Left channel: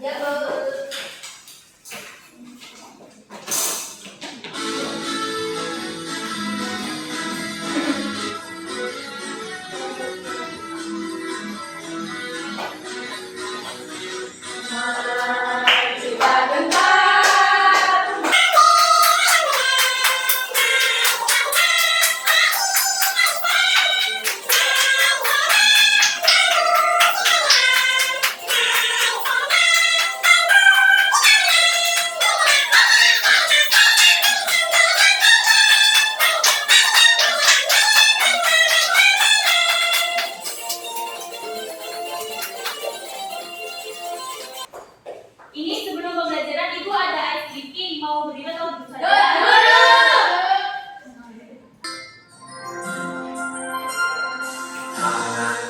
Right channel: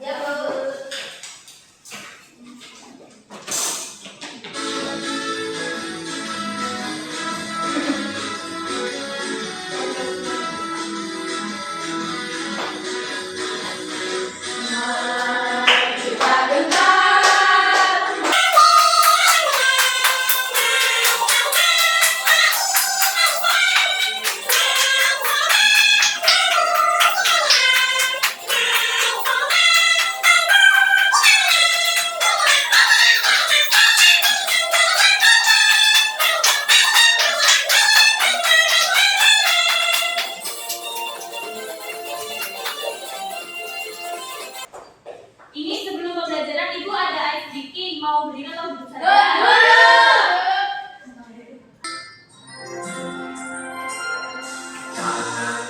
Ya, Bu. Ini sebelum pembelajaran Ibu ada ice breaking, mau berdiri atau duduk saja?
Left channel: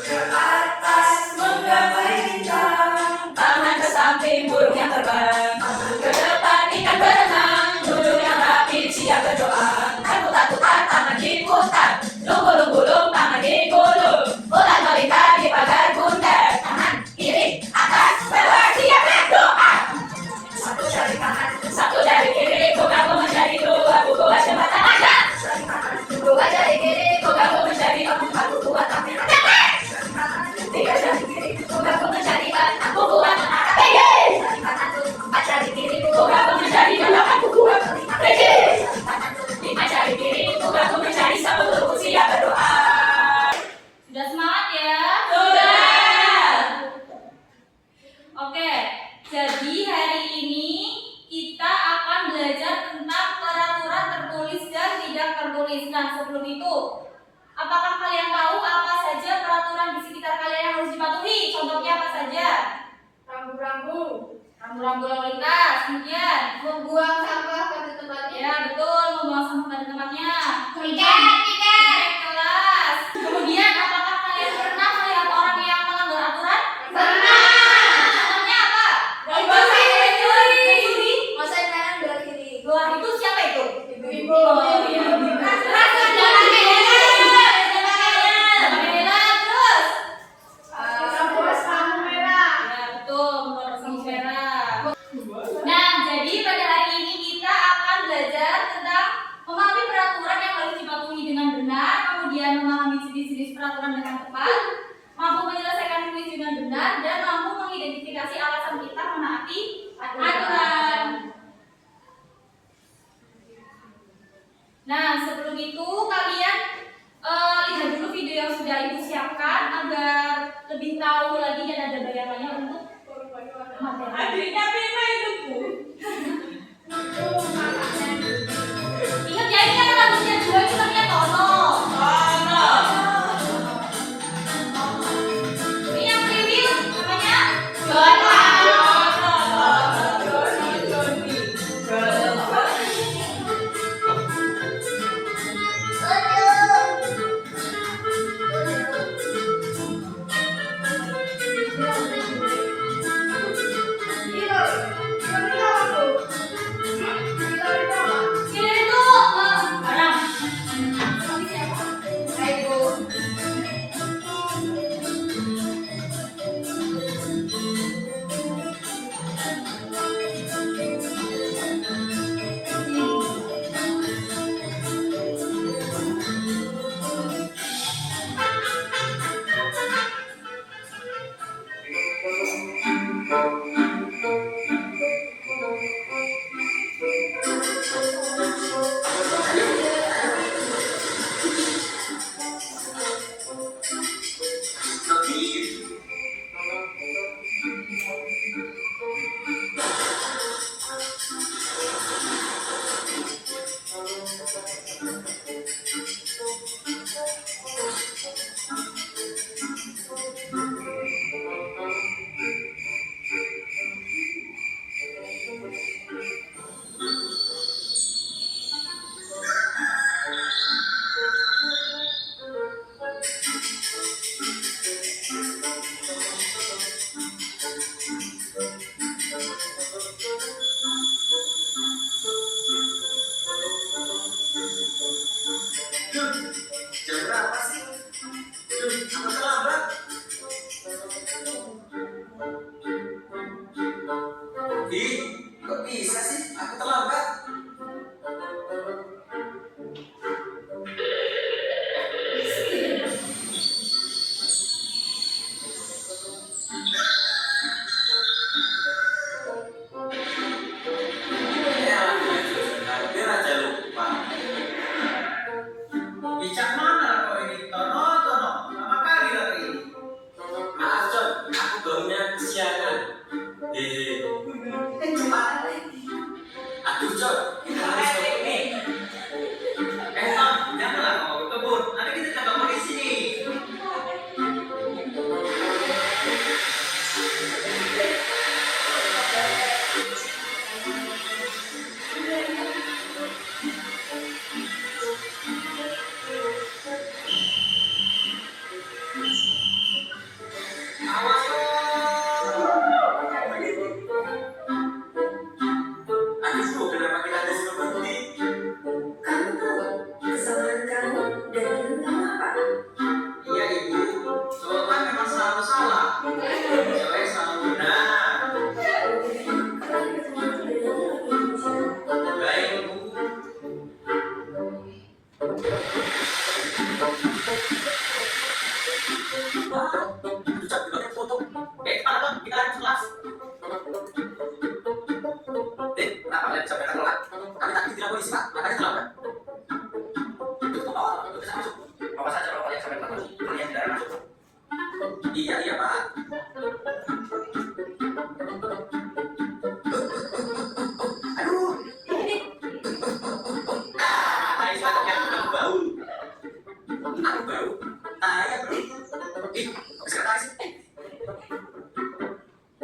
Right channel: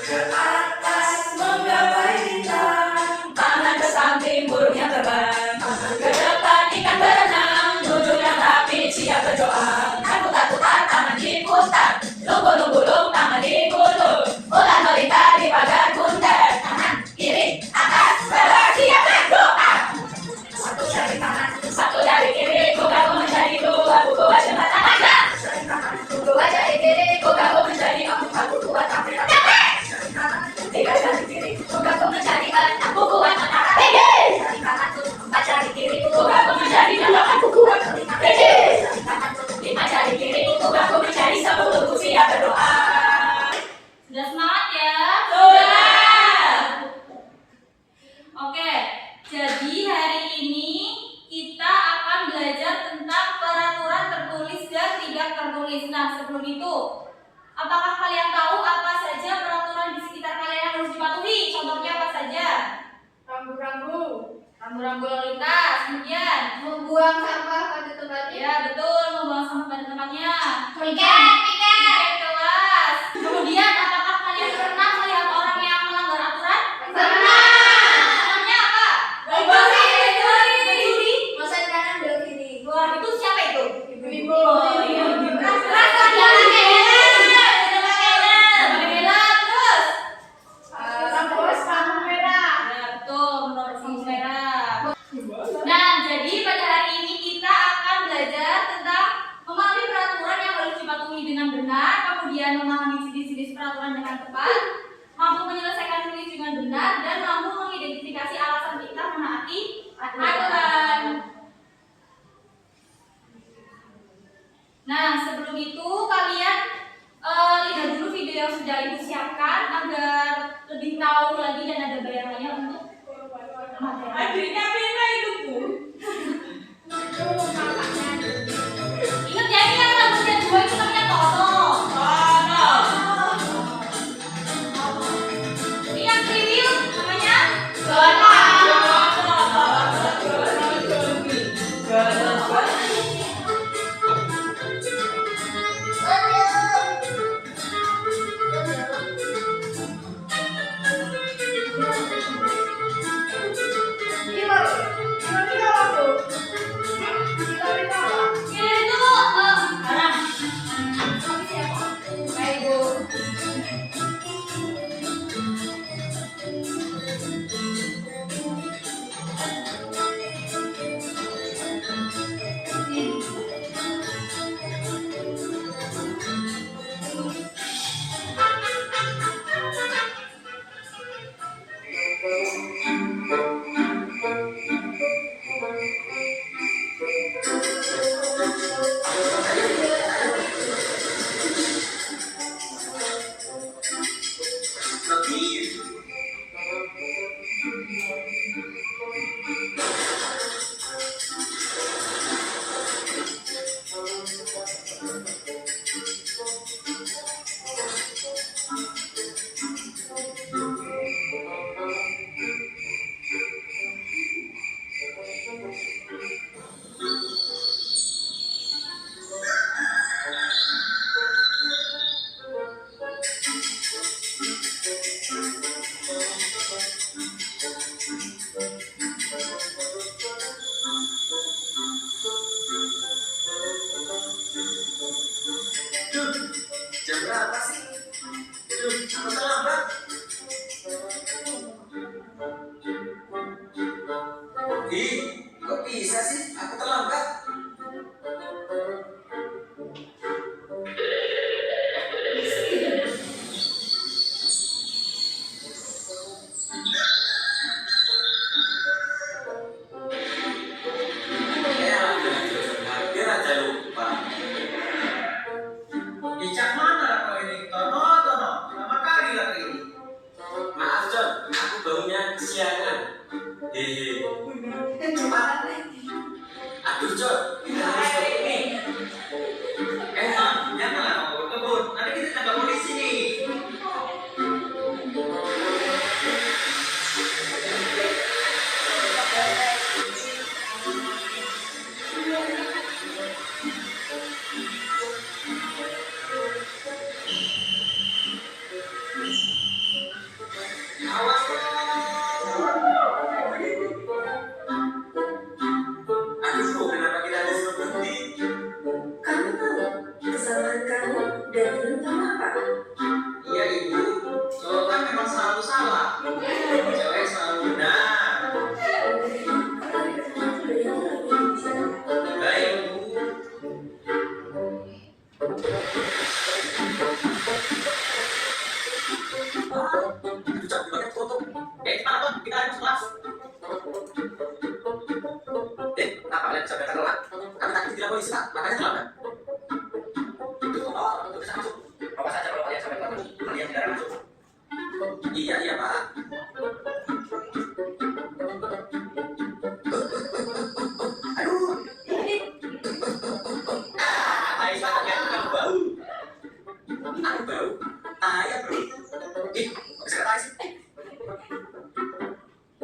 Ke atas menggapai bintang, tangan ke samping burung yang terbang, ke depan ikan berenang, duduk yang rapi siap berdoa. Takut-takutan tangan diputar, lunggu-lunggulung tangan digulung, ular melintang di pagar bundar, tangan kiri atas bawah siap berdoa. Satu dari kanan, satu dari kiri, ku gabung menjadi dua jembatan aja. Dua dari kiri, ku gabung menjadi empat kuat tapi tak dapat. Tiga dari kiri, ku gabung menjadi enam kuat menara tinggi. Empat dari kiri, ku gabung menjadi delapan kuat tinggi. Lima dari kiri, ku gabung menjadi 10 siap berdoa. Sudah semangat ya? Sudah. Oke, jadi hari ini kita akan belajar tentang peraturan tertulis dan tidak tertulis. Nah, sebelum itu, apakah kalian tahu apa saja peraturan di sekitar kalian yang harus dipatuhi? Contohnya apa saja? Rambu-rambu. Rambu-rambu lalu lintas, kemudian Membuang sampah pada tempatnya. ya betul, membuang sampah pada tempatnya. Tiket. Tiket kelas. Kemudian, apakah kalian pernah melihat orang yang melanggar aturan? Pernah. Namanya apa? Mencuri. Masa kanan belok kiri. Wah, itu siapa itu? Ibu-ibu. Oh, iya. Jangan Bela, terus? lampu merah. Ya, betul, menurut lampu merah. Nah, jadi pada hari ini kita akan belajar tentang memahami peraturan yang harus dipatuhi dengan benar, kemudian memahami jenis-jenis peraturan dengan tepat, mampu menyelesaikan tulis dengan benar, dan mampu mengidentifikasi alasan kita menaati aturan. Nah, sebelum itu kalian lihat dulu video yang sudah Ibu siapkan agar lebih tahu lagi dan ada bayangannya untuk materi. Adiknya Pina itu, Bu. Ingat ya, ini kan rambutnya dua itu namanya Tono. Ini yang kriwil namanya Zona. Ih, kok bisa sih? Aku terlambat. Ya, hampir aja lupa. Icak mana kau ini? Tono, Tono. Lama kali lagi ini. Maaf, John. Aku bangunnya kesiangan. Hehe. Aduh, John. Kita harus ke ini. Tom, janganlah kau berkebun. Nanti kita ditangkap polisi nih. Awas, Aduh, bro, kenapa kita disuruh berhenti? Kamu tahu kesalahan kamu dan teman kamu apa? Iya, Ibu. Cowok kan memang selalu salah. Cewek selalu benar. Kalian ketemu dari yang lagi di sana. Baik, Bu. Aduh, John, dipakai foto. Cepat, Tom. Kita harus kelas. Kenapa kalian bisa datang telat? Kami tadi tidak polisi, Pak. Makanya terlambat. Oh, bisa masuk. Awas saja kalau kalian sampai telat. Kalian tidak masuk. Iya, iya, Pak. Aduh. Tai saya kamu bau. Aku bau. Tai ya, bro. Ih, kok bisa tai sih?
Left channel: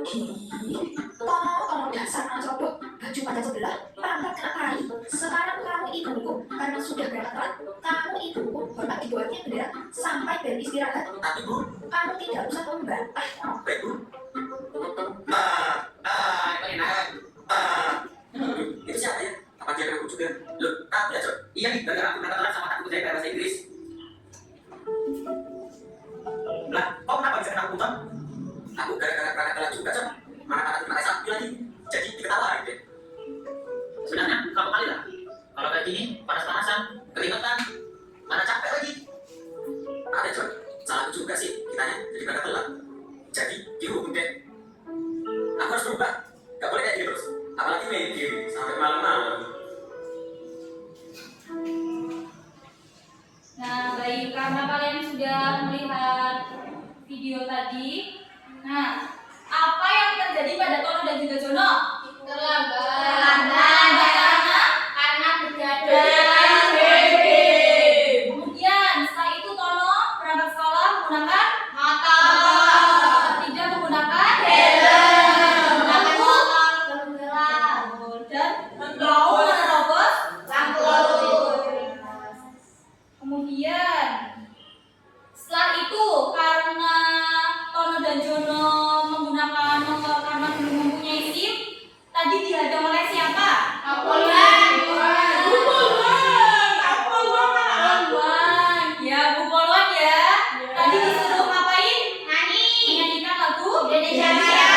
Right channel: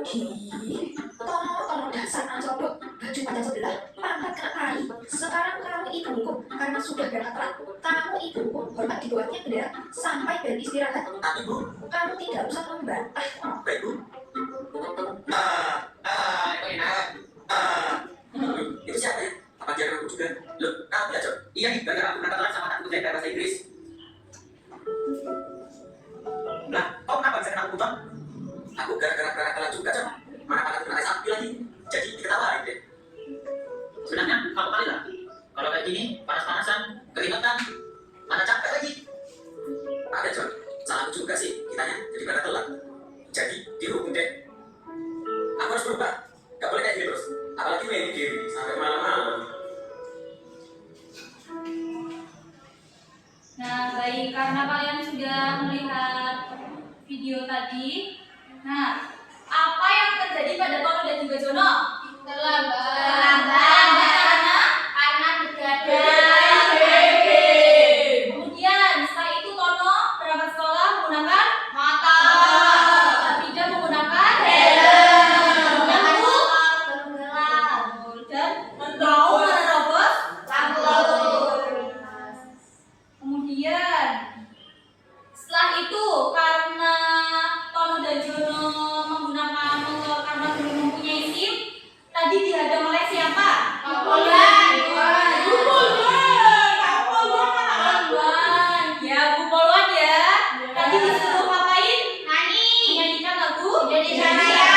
Ih, tolong dasar anak cowok. Baju pada sebelah, pantat kena tai. Sekarang kamu ibuku karena sudah berangkat telat. Kamu ibuku, hormat dibuatnya bendera sampai bel istirahat. Tapi, Bu, Kamu tidak usah membantah. baik, Bu. Itu enak. Itu siapa ya? Apa dia kenal juga? Loh, kamu ya, John? Iya nih, gara-gara aku berangkat telat sama takut saya bahasa Inggris. Lah, kau kenapa bisa kena hukuman? Aku gara-gara berangkat telat juga, John. Mana kata kena sapi lagi. Jadi diketawain deh. Sebenarnya kamu kali lah. Kalau kayak gini, panas-panasan, keringetan, mana capek lagi. Ada, John. Salahku juga sih. Kitanya jadi berangkat telat. Jadi dihukum deh. Aku harus berubah. Gak boleh kayak gini terus. Apalagi main game sampai malam-malam. Nah, baik, karena kalian sudah melihat video tadi. Nah, apa yang terjadi pada Tono dan juga Jono? Terlambat. Karena begadang. Kemudian setelah itu Tono berangkat sekolah menggunakan Motor. tidak menggunakan Menggunakan motor. dan mau menerobos Lampu lalu. Kemudian setelah itu karena Tono dan Jono menggunakan motor karena belum mempunyai SIM, tadi dihadang oleh siapa? Kapolwan. Bu Polwan. Ya, Bu Polwan ya. Tadi disuruh ngapain? Menyanyikan lagu Indonesia Raya.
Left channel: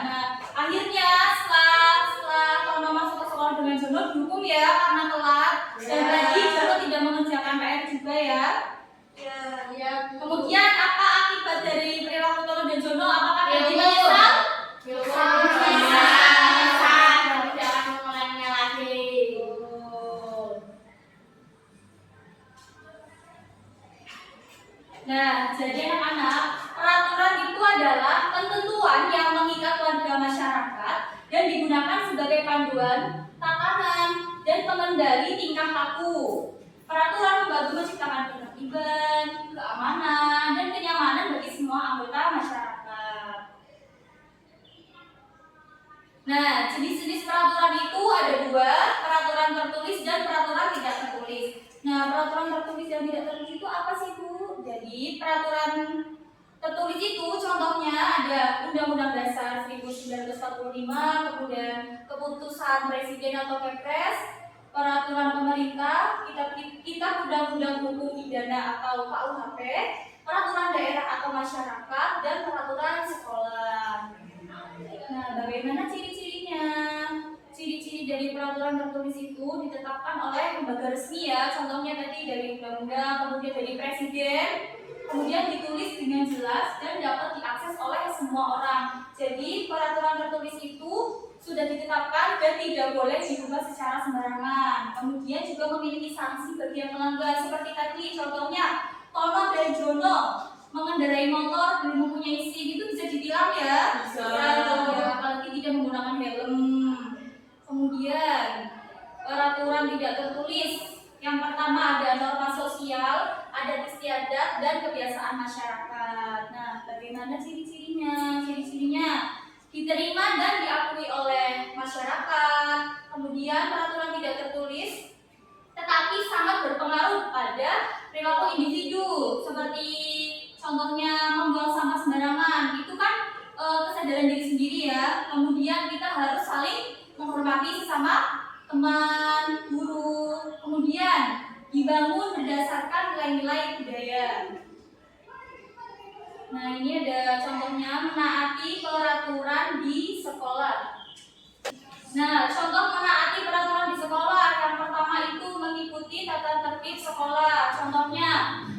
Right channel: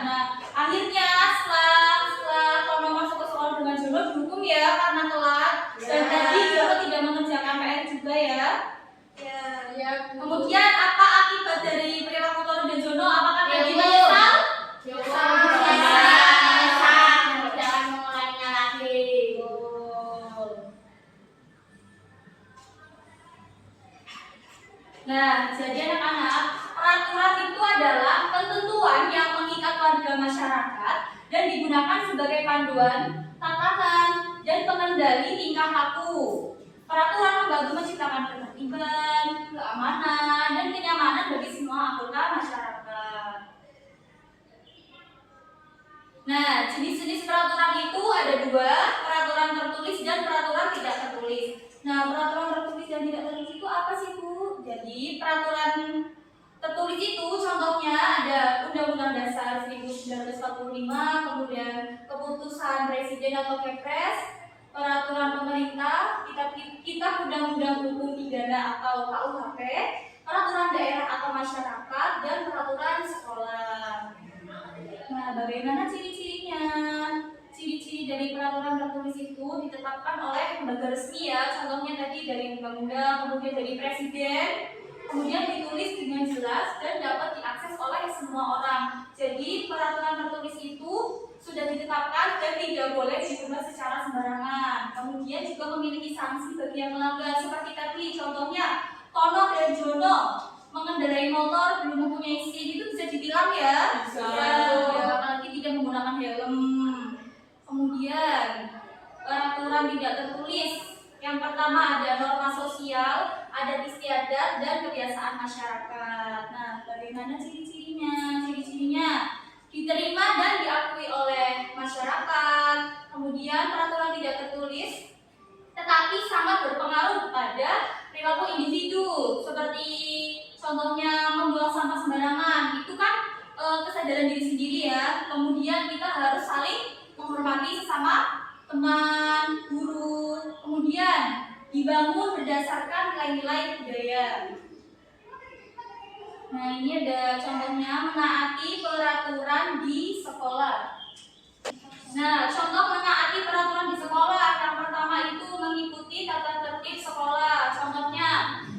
Nah, akhirnya setelah Tono masuk ke sekolah dengan Jono dihukum ya karena telat. Dan tadi Jono tidak mengerjakan PR juga ya. Ya. Kemudian apa akibat dari perilaku Tono dan Jono? Apakah jadi menyesal? Tidak akan mengulanginya lagi. Nah, jadi anak-anak, peraturan itu adalah ketentuan yang mengikat warga masyarakat dan digunakan sebagai panduan, tatanan, dan pengendali tingkah laku. Peraturan membantu menciptakan ketertiban, keamanan, dan kenyamanan bagi semua anggota masyarakat. Nah, jenis-jenis peraturan itu ada dua, peraturan tertulis dan peraturan tidak tertulis. Nah, peraturan tertulis dan tidak tertulis itu apa sih, Bu? Jadi, peraturan tertulis itu contohnya ada Undang-Undang Dasar 1945, kemudian keputusan Presiden atau Kepres, peraturan pemerintah, kitab Undang-Undang Hukum Pidana atau KUHP, peraturan daerah atau masyarakat, dan peraturan sekolah. Nah, bagaimana bagaimana ciri-cirinya? Ciri-ciri dari peraturan tertulis itu ditetapkan oleh lembaga resmi ya. Contohnya tadi dari undang-undang, kemudian dari presiden, kemudian ditulis dengan jelas dan dapat diakses oleh semua orang. Jadi peraturan tertulis itu sudah ditetapkan dan tidak boleh diubah secara sembarangan. Kemudian juga memiliki sanksi bagi yang melanggar. Seperti tadi contohnya Tono dan Jono mengendarai motor belum mempunyai SIM, itu bisa ditilang ya? Bisa. Ya, apalagi tidak menggunakan helm. Kemudian peraturan tidak tertulis. Yang pertama ada norma sosial, adat istiadat, dan kebiasaan masyarakat. Nah, bagaimana ciri-cirinya? Ciri-cirinya diterima dan diakui oleh masyarakat. Kemudian peraturan tidak tertulis tetapi sangat berpengaruh pada perilaku individu, seperti contohnya membuang sampah sembarangan. Itu kan kesadaran diri sendiri ya. Kemudian kita harus saling menghormati sesama teman, guru. Kemudian dibangun berdasarkan nilai-nilai budaya. Nah, ini ada contohnya menaati peraturan di sekolah. Nah, contoh menaati peraturan di sekolah. Yang pertama itu mengikuti tata tertib sekolah. Contohnya,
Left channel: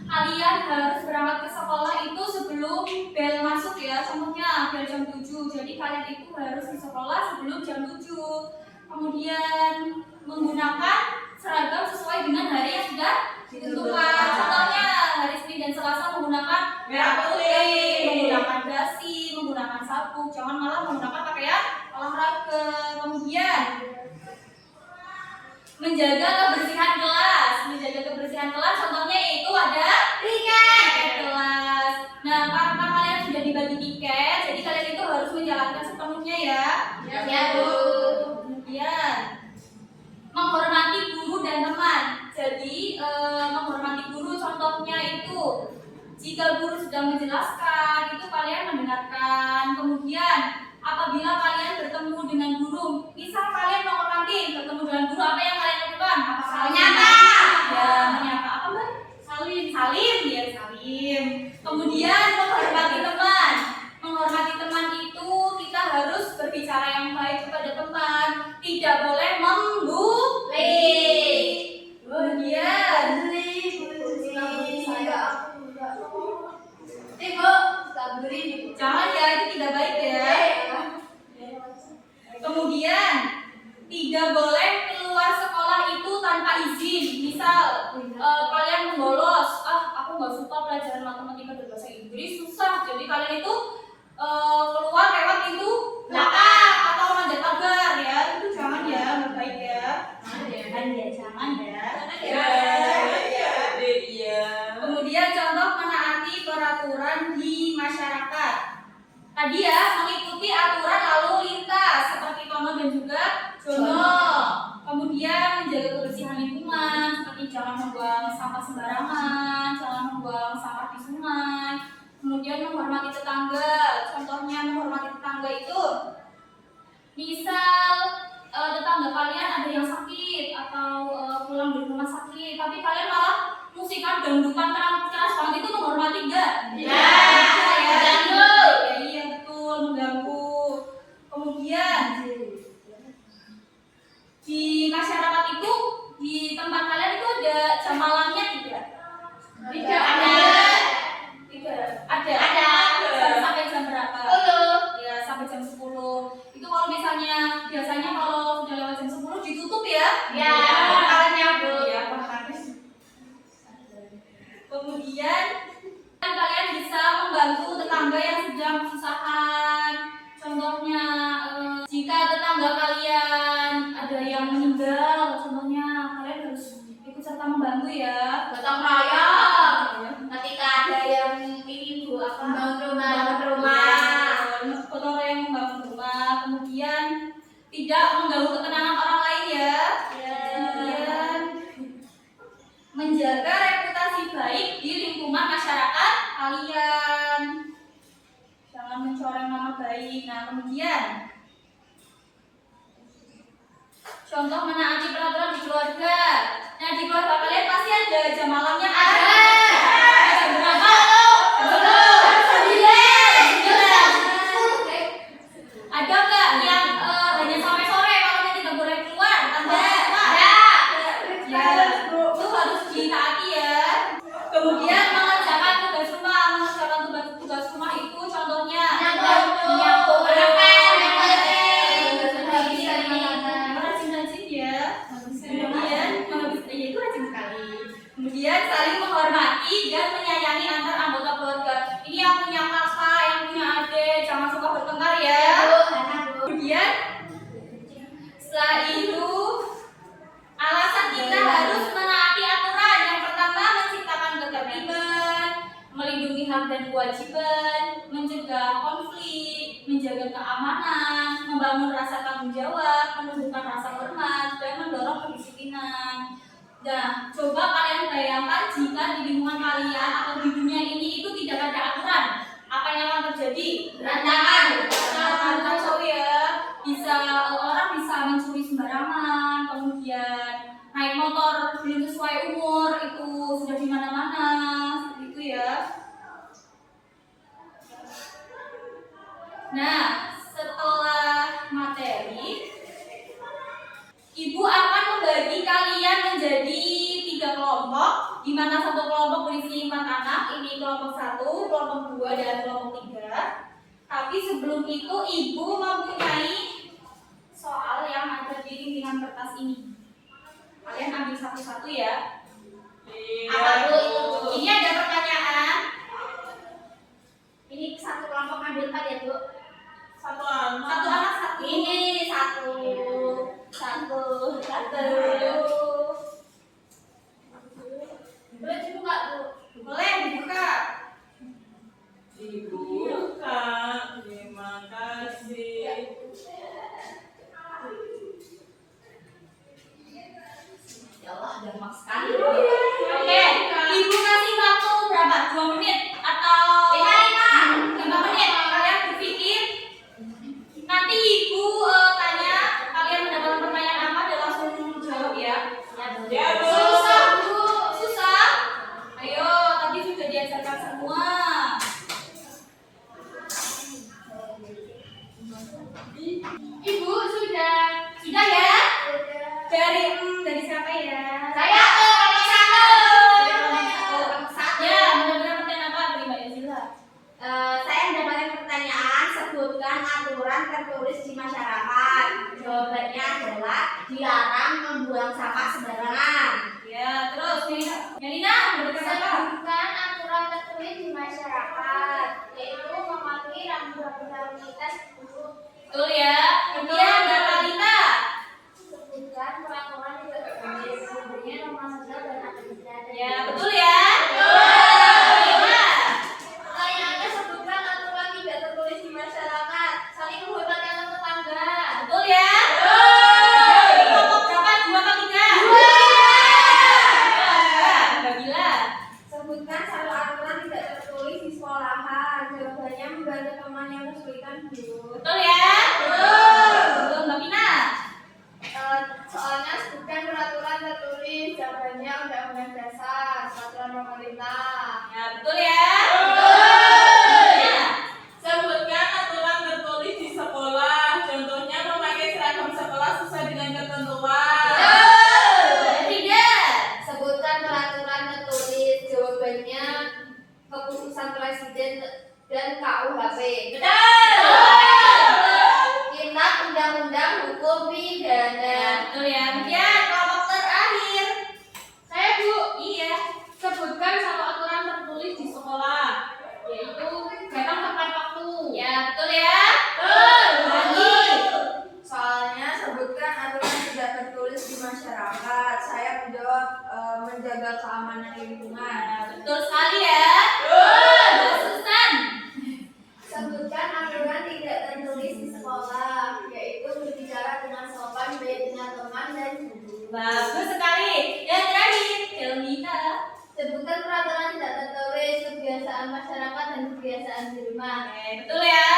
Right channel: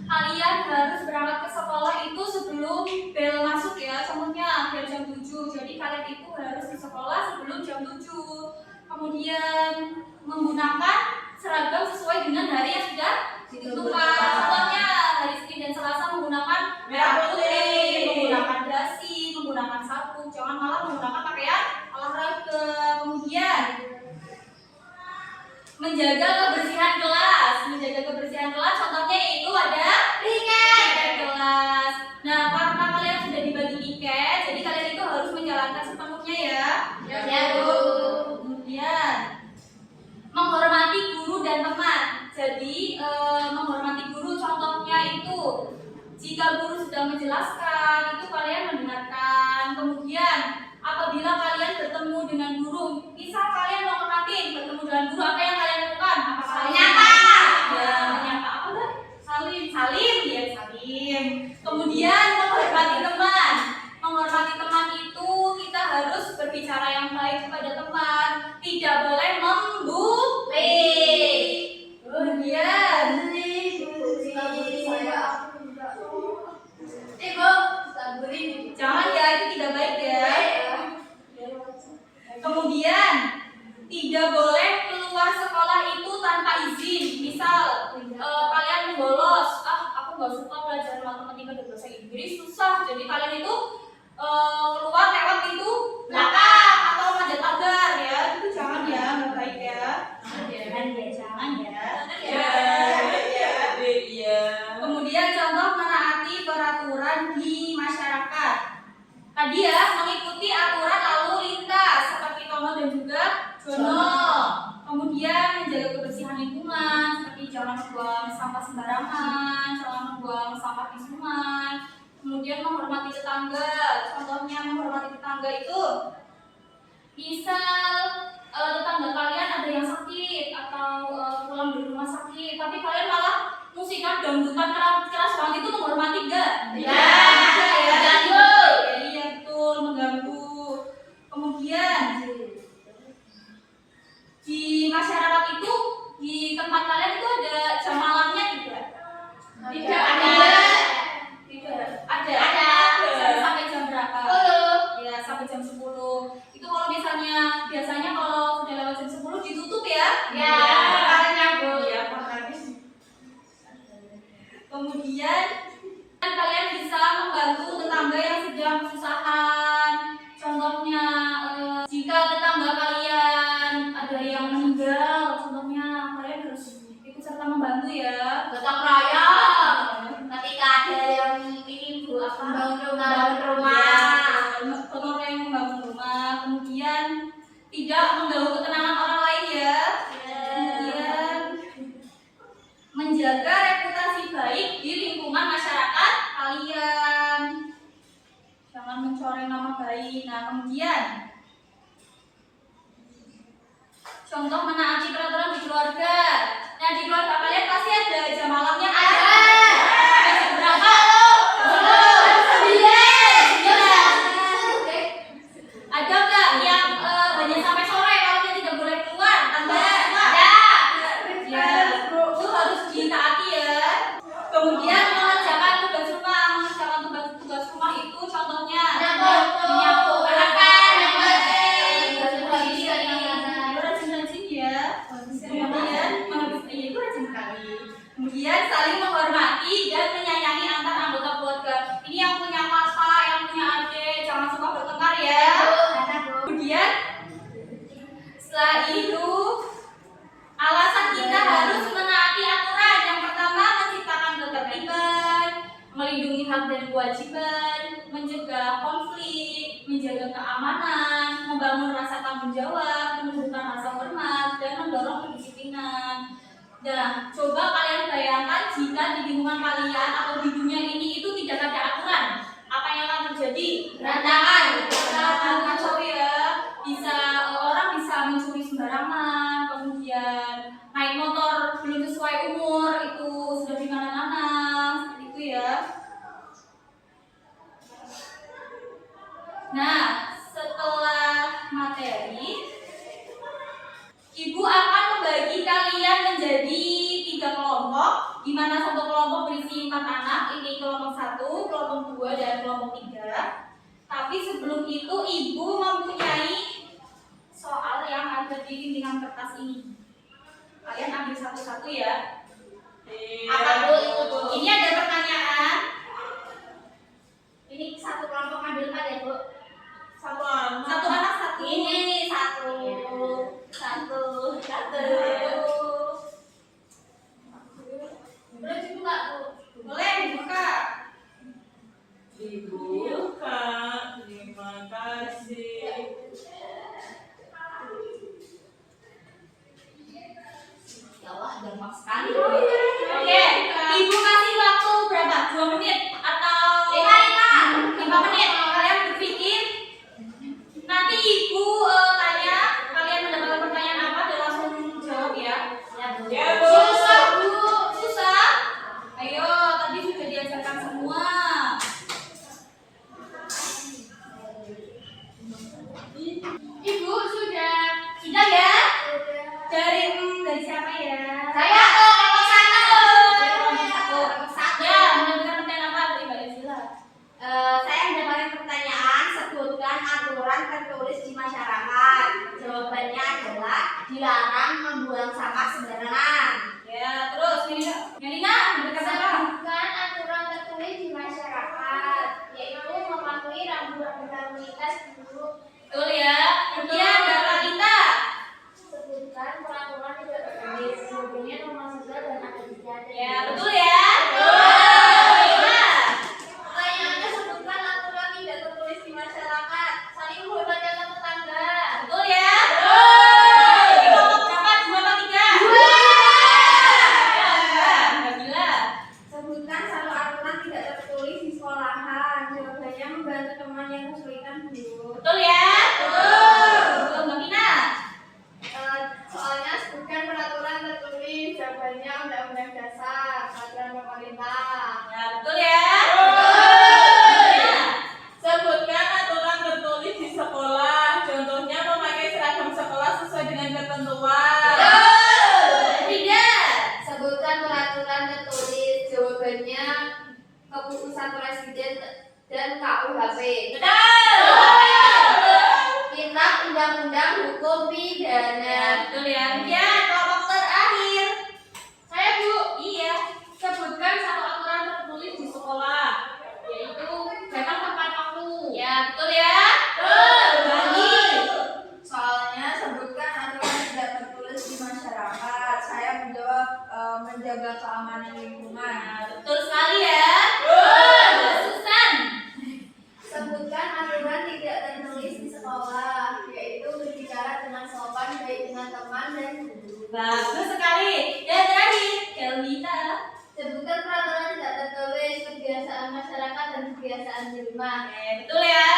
kalian harus berangkat ke sekolah itu sebelum bel masuk ya. Contohnya bel jam 7. Jadi kalian itu harus di sekolah sebelum jam 7. Kemudian menggunakan seragam sesuai dengan hari yang sudah ditentukan. Contohnya hari Senin dan Selasa menggunakan merah putih, menggunakan dasi, menggunakan sabuk. Jangan malah menggunakan pakaian olahraga. Kemudian menjaga kebersihan kelas. Menjaga kebersihan kelas contohnya yaitu ada tiket kelas. Nah, karena kalian sudah dibagi tiket, jadi kalian itu harus menjalankan sepenuhnya ya. Ya, Bu. Kemudian menghormati guru dan teman. Jadi menghormati guru contohnya itu jika guru sudah menjelaskan itu kalian mendengarkan. Kemudian apabila kalian bertemu dengan guru, misal kalian mau ke kantin bertemu dengan guru, apa yang kalian lakukan? Menyapa. Ya, menyapa apa Mbak? Salim ya, salim. Kemudian menghormati teman. Menghormati teman itu kita harus berbicara yang baik kepada teman, tidak boleh membuli. Kemudian jangan ya, itu tidak baik ya. Kemudian tidak boleh keluar sekolah itu tanpa izin. Misal kalian membolos, aku nggak suka pelajaran matematika dan bahasa Inggris, susah. Jadi kalian itu keluar lewat pintu belakang atau manjat pagar ya. Itu jangan ya, nggak baik ya. Jangan ya. Kemudian contoh menaati peraturan di masyarakat. Tadi ya, mengikuti aturan lalu lintas seperti Tono dan juga Jono. Kemudian menjaga kebersihan lingkungan seperti jangan membuang sampah sembarangan, jangan membuang sampah di sungai. Kemudian menghormati tetangga. Contohnya menghormati tetangga itu misal tetangga kalian ada yang sakit atau pulang dari rumah sakit, tapi kalian malah musikan dangdutan keras banget, itu menghormati enggak? Ya. Mengganggu. Iya betul, mengganggu. Kemudian di masyarakat itu, di tempat kalian itu ada jam malamnya tidak? Tidak ada. Ada. Sampai jam berapa? 10. Ya, sampai jam 10. Itu kalau misalnya biasanya kalau sudah lewat jam 10 ditutup ya? Ya, makanya Bu. Ya, makanya. Kemudian kalian bisa membantu tetangga yang sedang kesusahan. Contohnya jika tetangga kalian ada yang meninggal, contohnya kalian harus ikut serta membantu ya. Gotong royong. Ketika ada yang ini Bu, membangun rumah. Gotong royong membangun rumah. Kemudian tidak mengganggu ketenangan orang lain ya. Kemudian menjaga reputasi baik di lingkungan masyarakat kalian. Jangan mencoreng nama baik. Nah, kemudian contoh menaati peraturan di keluarga. Nah, di keluarga kalian pasti ada jam malamnya. Ada. Jam berapa? Jam 9. Ada nggak yang seperti menjaga keamanan, membangun rasa tanggung jawab, menumbuhkan rasa hormat, dan mendorong kedisiplinan. Nah, coba kalian bayangkan jika di lingkungan kalian atau di dunia ini itu tidak ada aturan, apa yang akan terjadi? Berantakan. Kacau ya. Bisa orang bisa mencuri sembarangan, kemudian naik motor belum sesuai umur itu sudah di mana-mana, seperti itu ya. Nah, setelah materi, Ibu akan membagi kalian menjadi 3 kelompok, di mana satu kelompok berisi 4 anak, ini kelompok 1, kelompok 2, dan kelompok 3. Tapi sebelum itu Ibu mempunyai soal yang ada di bimbingan kertas ini. Kalian ambil satu-satu ya. Apa Bu itu? Ini ada pertanyaan. Ini satu kelompok ambil 4 ya Bu? Satu anak. Satu anak satu. Ini satu. Boleh dibuka Bu? Boleh dibuka. Dibuka. Terima kasih. Ya Allah, gampang sekali. Oke, Ibu kasih waktu berapa? 2 menit atau 5 menit? Kalian berpikir. Nanti Ibu tanya, kalian mendapatkan pertanyaan apa dan langsung jawab ya. Ya, Bu. Susah Bu, susah. Ayo, tadi sudah diajarkan semua. Ibu sudah ya? Dari siapa ya? Saya kelompok 1. Ya, mendapatkan pertanyaan apa dari Mbak Yazila? Saya mendapatkan pertanyaan, sebutkan aturan tertulis di masyarakat. Jawabannya adalah dilarang membuang sampah sembarangan. Ya, terus Melina mendapatkan apa? Sebutkan aturan tertulis di masyarakat, yaitu mematuhi rambu-rambu lalu lintas dulu. Betul ya. Kemudian Mbak Lalita. Sebutkan peraturan tidak tertulis, sebenarnya rumah sosial dan administrasi. Ya, betul ya. Lima. Pertanyaannya sebutkan aturan tidak tertulis di masyarakat, saling menghormati antar tetangga. Betul ya. Jadi kelompok berapa? 2 atau 3? 2. Mbak Bila. Sebutkan satu aturan tidak tertulis di sekolahan. Jawabannya membantu teman yang kesulitan Bu. Betul ya. Betul Mbak Pina. Soalnya sebutkan peraturan tertulis, jawabannya Undang-Undang Dasar, Peraturan Pemerintah. Ya, betul ya. Ya. Sebutkan aturan tertulis di sekolah. Contohnya memakai seragam sekolah sesuai dengan ketentuan. Tidak. Sebutkan peraturan tertulis, jawabannya keputusan Presiden dan KUHP. Kitab Undang-Undang Hukum Pidana. Ya, betul ya. Kemudian kelompok terakhir. Saya Bu, Iya. sebutkan satu aturan tertulis di sekolah, yaitu datang tepat waktu. Ya, betul ya. Bagi. Soalnya sebutkan aturan tidak tertulis di masyarakat. Saya menjawab menjaga keamanan lingkungan. Betul sekali ya. Mbak Susan. Sebutkan aturan tidak tertulis di sekolah, yaitu berbicara dengan sopan baik dengan teman dan guru. Bagus sekali. Dan terakhir, Kelmita. Sebutkan peraturan tidak tertulis, kebiasaan masyarakat dan kebiasaan di rumah. Betul ya.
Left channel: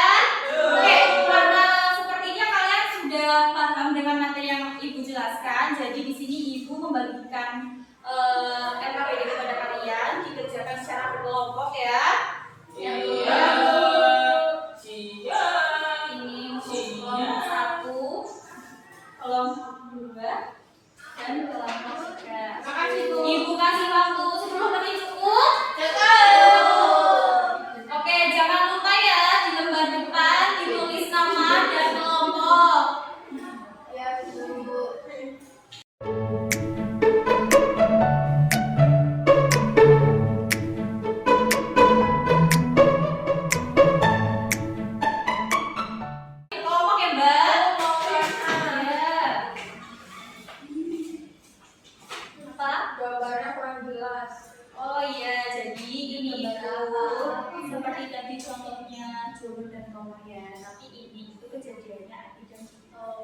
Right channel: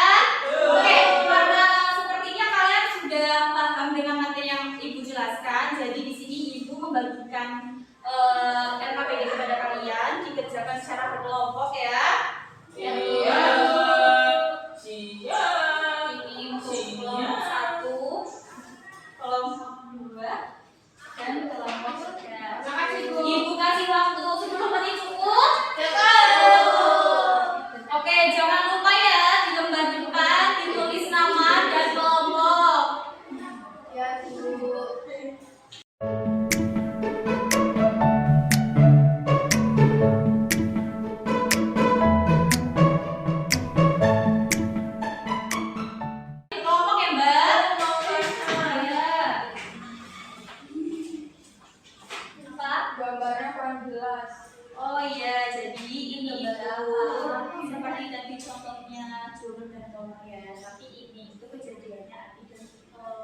ngomong ya, tapi ini itu kejadiannya Adi dan Tito.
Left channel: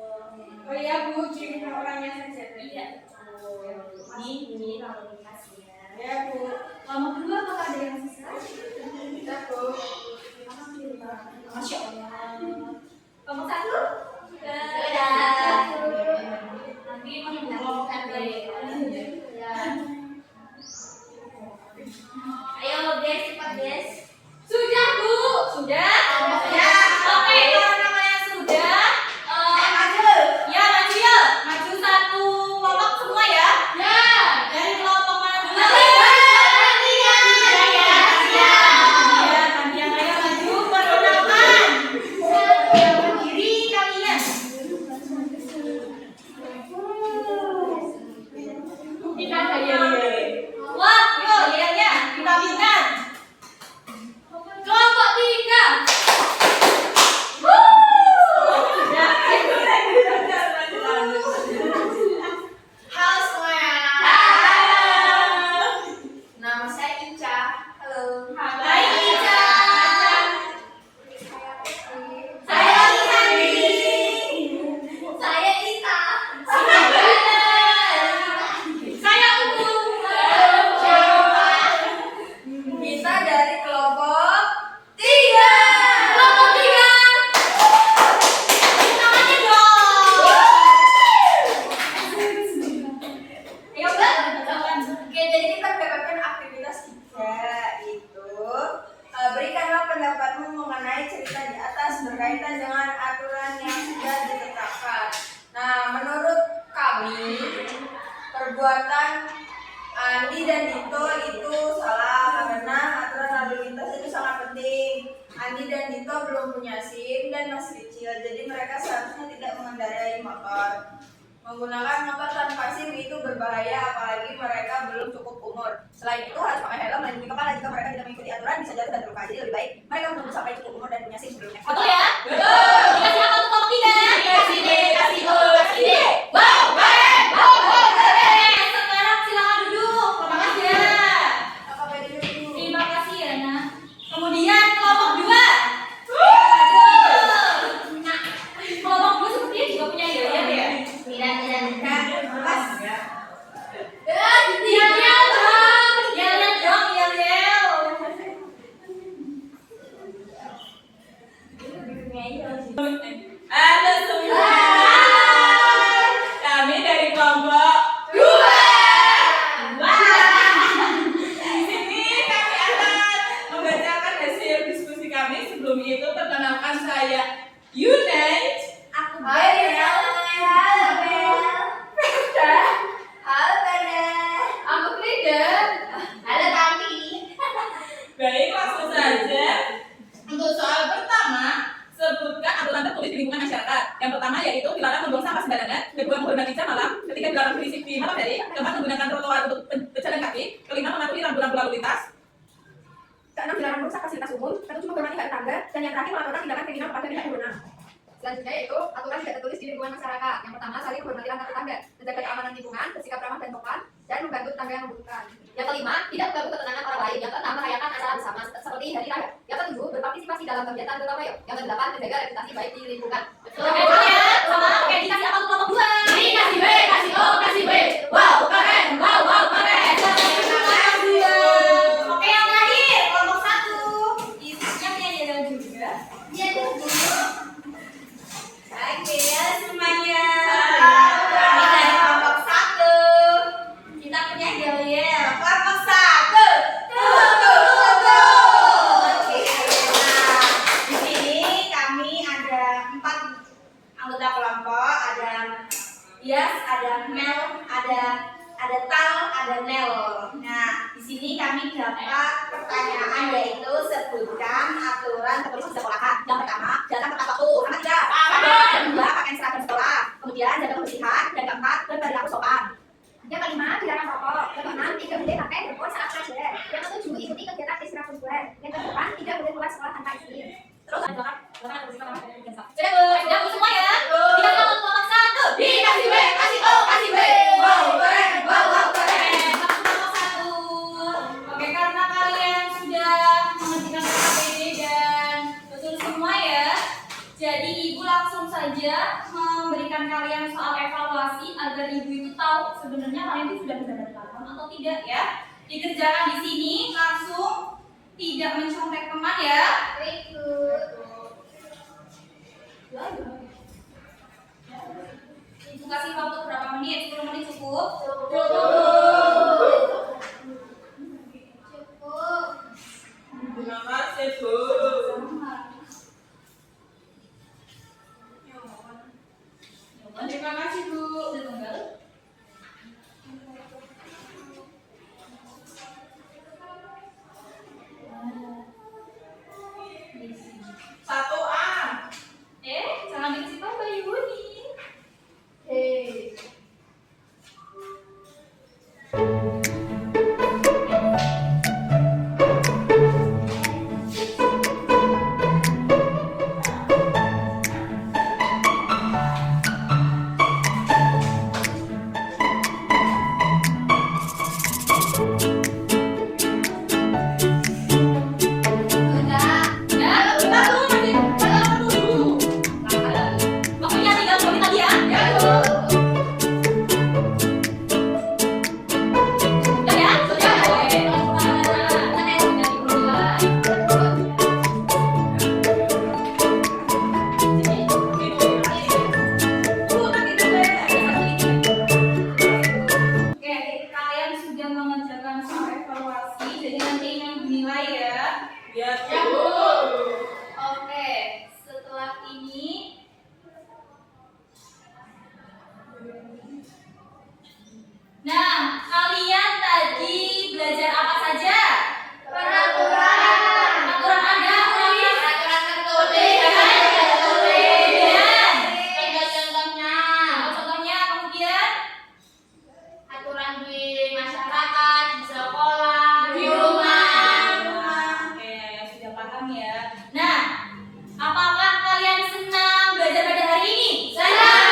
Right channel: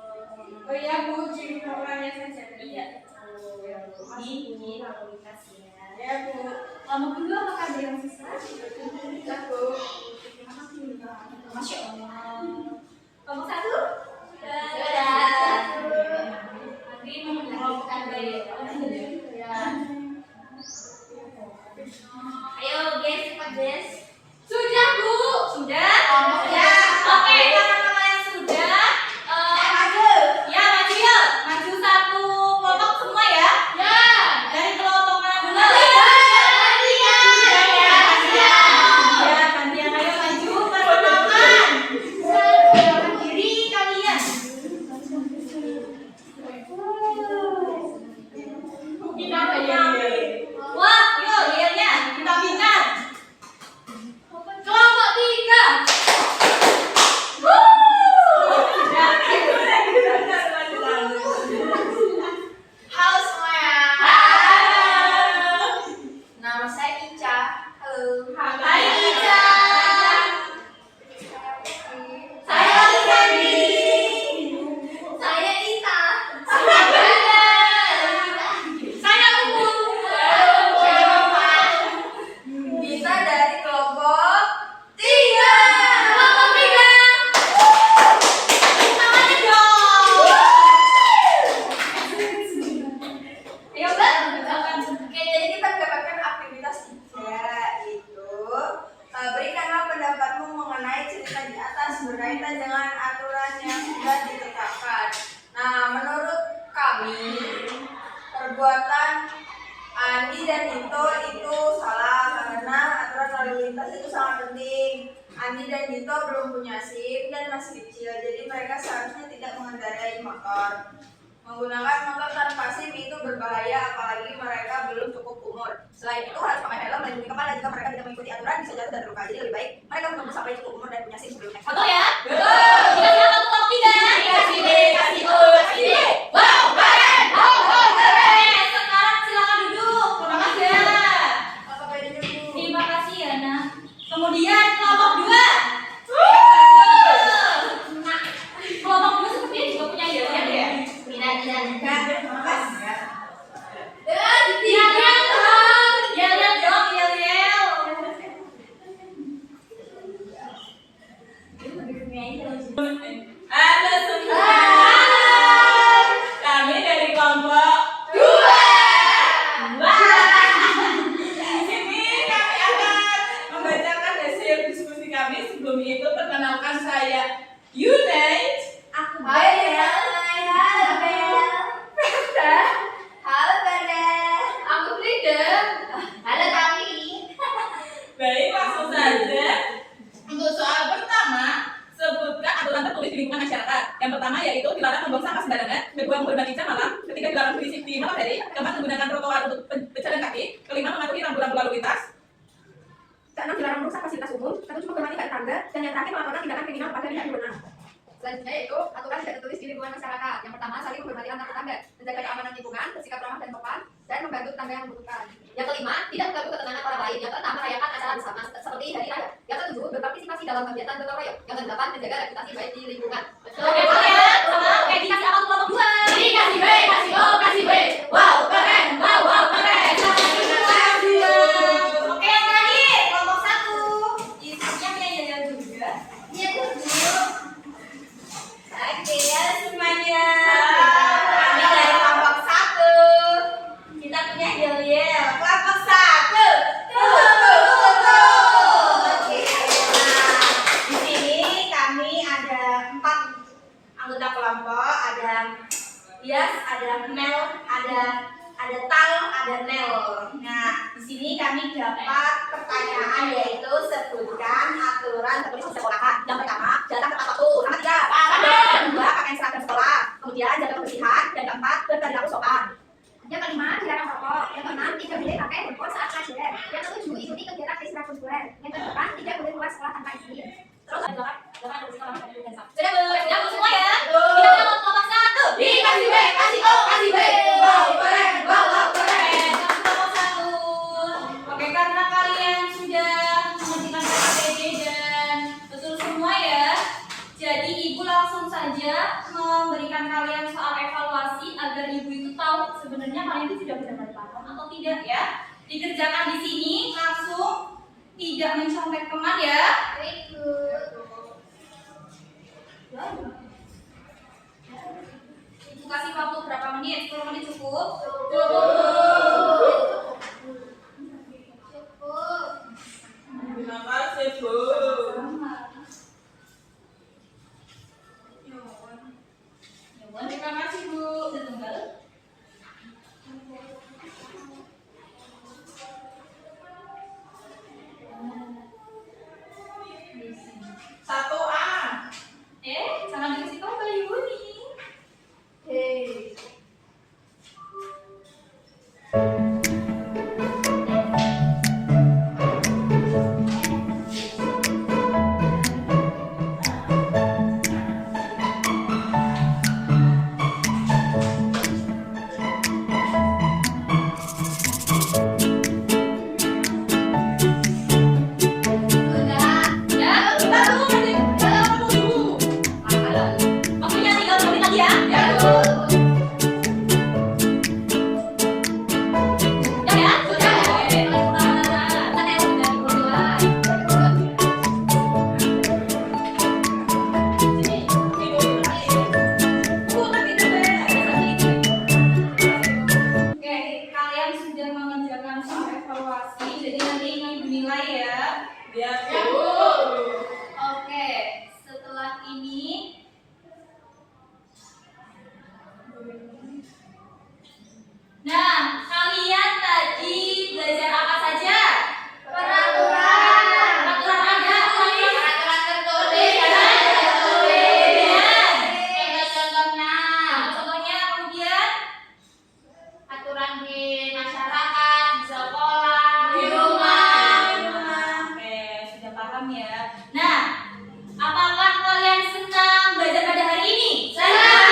Oh iya Bu, ciri orangnya saja tadi. Iya. Ini lalu lintas ya. Ya Bu. Kelompok kedua apakah ada yang susah? Bisa Bu. Masya Allah. Kelompok satu? Sudah. Nanti mengelompokkan deh. Ya. Ayo guys, cepat guys. Sudah Bu. Sudah. Kelompoknya. Oke, kalau namanya sudah, ya maju ya, maju satu kelompok semua ya. Ya. Dari kelompok mana dulu? Tiga. Ya, gantian ayo maju perkenalan. Diri kalian. Kita kayak Wah, yuk lihatnya, bintang-bintang. Kelompok 3. Halo semuanya. Nama saya Ica. Halo. Hai Ica. Saya Rizani. Saya Ita. Saya Umu. Kita dari kelompok 3. Kelompok 3. Namanya dong. Ayo, Mbak. Oke, jadi kita mendapatkan aktivitas 3 itu berikanlah pendapatmu mengenai cerita di atas berkaitan dengan aturan yang sudah ditetapkan. Nah, menurut kami perbuatan Andi dan Dito itu salah karena aturan lalu lintas itu sangat penting. Andi dan Dito belum punya SIM dan masih kecil, jadi mereka seharusnya tidak mengendarai motor. Menggunakan motor tanpa SIM itu berbahaya, apalagi mereka belum cukup umur. Selain itu harus pakai helm melindungi kepala jika mereka tidak mengikuti aturan bisa jatuh dan terluka. Jadi lebih baik mereka menunggu sampai cukup umur dan punya SIM sebelum naik Betul motor. ya? Betul. Kita silakan kelompok 3. Kasih B, kasih O, kasih D. Wow, keren! Sekarang silakan duduk. Terima kasih. Kakak pede dulu. Terima kasih ya, Nak. Kemudian kelompok 2. Nah, kelompok 2 sepertinya juga punya ide ya. Kan, mas. Yel-yel dong. Yel-yel dong, yel-yel. Halo semua. Kami dari kelompok 2. Di sini kami akan membacakan hasil diskusi kami. Sebelum itu perkenalkan saya Yunai. Aku Hai, halo Bel. Halo Bel. Aku Frida. Halo Tami. Baik, langsung saja. Untuk soal pertama, sebutkan aturan tertulis di lingkungan masyarakat. Yang pertama yaitu dilarang membuang sampah sembarangan, kedua menghormati jam malam, ketiga dilarang berisik di malam hari, keempat menggunakan trotoar untuk pejalan kaki, kelima mematuhi rambu-rambu lalu lintas, keenam dilarang merusak fasilitas umum, ketujuh menghormati hak tetangga, dan yang terakhir melaporkan tindakan kriminal kepada pihak berwenang. Selanjutnya yaitu aturan tidak tertulis di lingkungan masyarakat. Yang pertama, saling menghormati antar tetangga, menjaga keamanan lingkungan, bersikap ramah dan sopan, dan membantu tetangga yang membutuhkan. Yang kelima, tidak mengganggu ketenangan orang lain. Yang keenam, merayakan acara bersama seperti hari raya. Yang ketujuh, berpartisipasi dalam kegiatan gotong royong. Yang kedelapan, menjaga reputasi baik di lingkungan. Oke, ya. Oke, dikasih apa tuh kelompok 2? Ini kasih B, kasih O, kasih B. Wow, keren. Wow, wow, keren. Terima kasih. Oke, yang terakhir kelompok 1. Isinya punya yel-yel juga. Iya tuh. Oke, halo semuanya. Kami dari kelompok 1. Kita punya yel-yel. Kelompok 1. Oke. Nah, di sini kami ada 4 anggota kelompok. Ada Yas, ada Mel, ada Tal, ada Nel. Nah, di sini kami dapat pertanyaan yaitu sebutkan aturan tertulis di sekolah. Yang pertama, datang tepat waktu. Sama tidak? Yang kedua, pakai seragam sekolah. Kemudian jaga kebersihan. Dan keempat, berperilaku sopan. Yang kelima, dilarang merokok. Yang keenam, tidak boleh pakai handphone saat belajar. Yang ketujuh, ikuti kegiatan ekstrakurikuler. Yang kedelapan, tidak boleh keluar sekolah tanpa izin. Terus sudah Bu, sudah Bu semua ya? Kita ke kelompok 1. Kasih B, kasih O, kasih B. Wow, keren. Wow, wow, keren. Kelompok 1. Oke, karena kalian sudah mengerjakan PPD dan betul semua ya. Jadi ibu langsung saja memberikan kalian soal evaluasi agar ibu itu tahu sebenarnya kalian itu sudah benar-benar paham atau tidak ya. Dikerjakan di sini langsung, tidak mencontek teman ya. Ibu kasih waktu berapa menit? 10 menit cukup? Terima kasih, Bu. Terima kasih Bu. Setunggal. Satu A. Jangan dikasih tahu ke ibu nih. Waktunya 3 menit lagi ya. Oke, kalian sudah mengerjakan soal evaluasi, jadi nanti ini dinilai ya. Ya, Ya, Bu. Oke, setelah ini nah, kalian tadi belajar apa saja? Peraturan. Peraturan ada, ulangi. Peraturan tertulis. Kemudian, Contohnya, contohnya kemudian aturan di masyarakat, di sekolah, di rumah. Oke, sudah paham ya. Nah, apakah kalian senang belajar pada hari ini? Senang.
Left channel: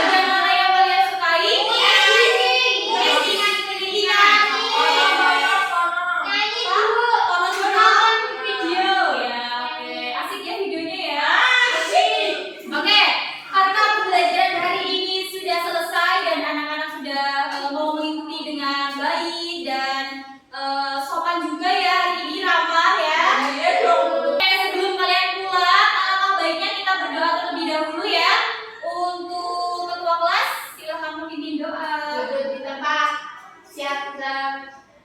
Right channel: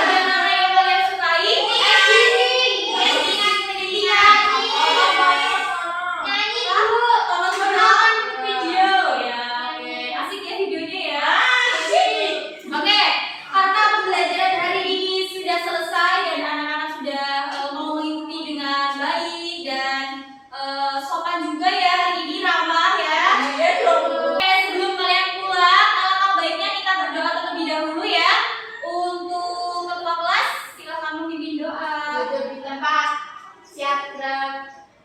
Bagian mana yang kalian sukai? Nyanyi, Bu. Tonton video ya. Oke, asik ya videonya ya. Oke, karena pembelajaran hari ini sudah selesai dan anak-anak sudah mau mengikuti dengan baik dan sopan juga ya hari ini, ramah ya. Iya dong. Oke, sebelum kalian pulang, alangkah baiknya kita berdoa terlebih dahulu ya. Untuk ketua kelas, silahkan memimpin doa. Duduk di tempat. Siap,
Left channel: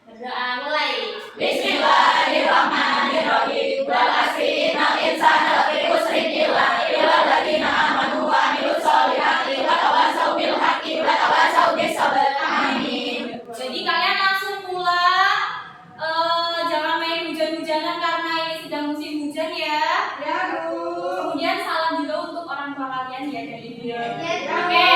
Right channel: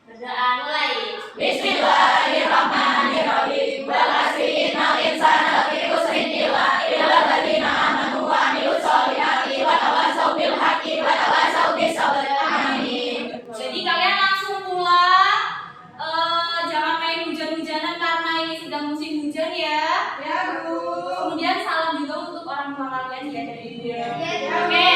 berdoa mulai. Bismillahirrahmanirrahim. Wal asri innal insana lafi khusrin illa alladziina aamanu wa 'amilus sholihati wa tawassaw bil haqqi wa tawassaw bis sabr. Amin. Jadi kalian langsung pulang, jangan main hujan-hujanan karena ini sedang musim hujan ya. Ya, Bu. Kemudian salam juga untuk orang tua kalian ya dari ibu ya. Iya, Bu. Oke,